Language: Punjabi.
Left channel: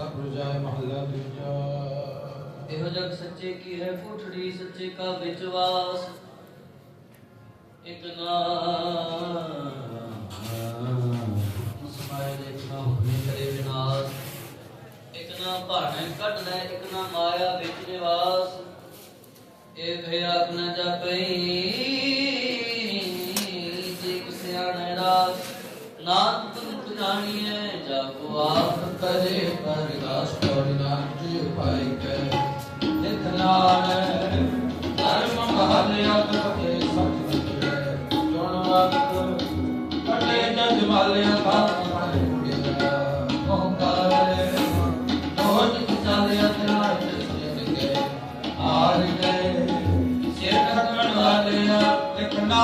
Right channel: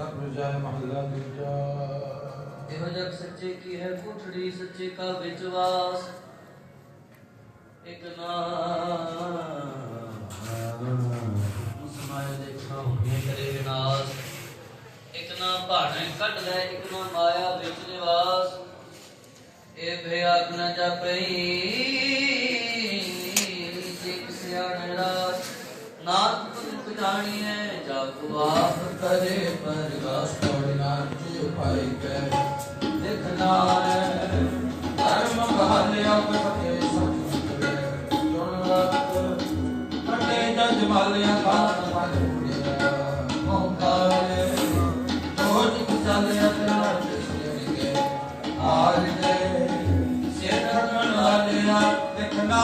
ਸਤਿ ਜਾਇ ਮਹੱਲਾ ਦੂਜਾ। ਇਹੋ ਜਗ ਸੱਚੇ ਕੀ ਹੈ ਪੁੱਠੜੀ ਸੱਚੇ ਕਾ ਵਿਚਵਾਸ ਇਕ ਸਮਾਏ ਦੇਖਾ ਹੁਣੇ ਕਰੇ ਵਿਨਾਸ਼। ਇਕ ਭਾਣੇ ਕੱਢ ਲੈ, ਇਕ ਮਾਇਆ ਵਿੱਚ ਨਿਵਾਸ। ਇਹ ਭੇ ਨਾ ਜਾਪਈ। ਨਾਨਕ ਪਛਾਣੀਐ ਜਗ ਆਪ ਕਰੇ ਪਰਗਾਸ ਕੋਈ ਨਾਨਕੇ ਪਾਈ ਕੈ ਲਿਖ ਨਾਨਕ ਧਰਮ ਮਹਾਨ ਆਪ ਕੇ ਸਭ ਸੁਖੈ ਗੁਣ ਵਕਤ ਕਟੇ ਜਗ ਮਾਲਿਆ ਪਾਰ ਪਾਈ ਆਰ ਕੇ ਸੇ ਕਰਨ ਵਾਲਿਆ, ਲਿਖਣਾ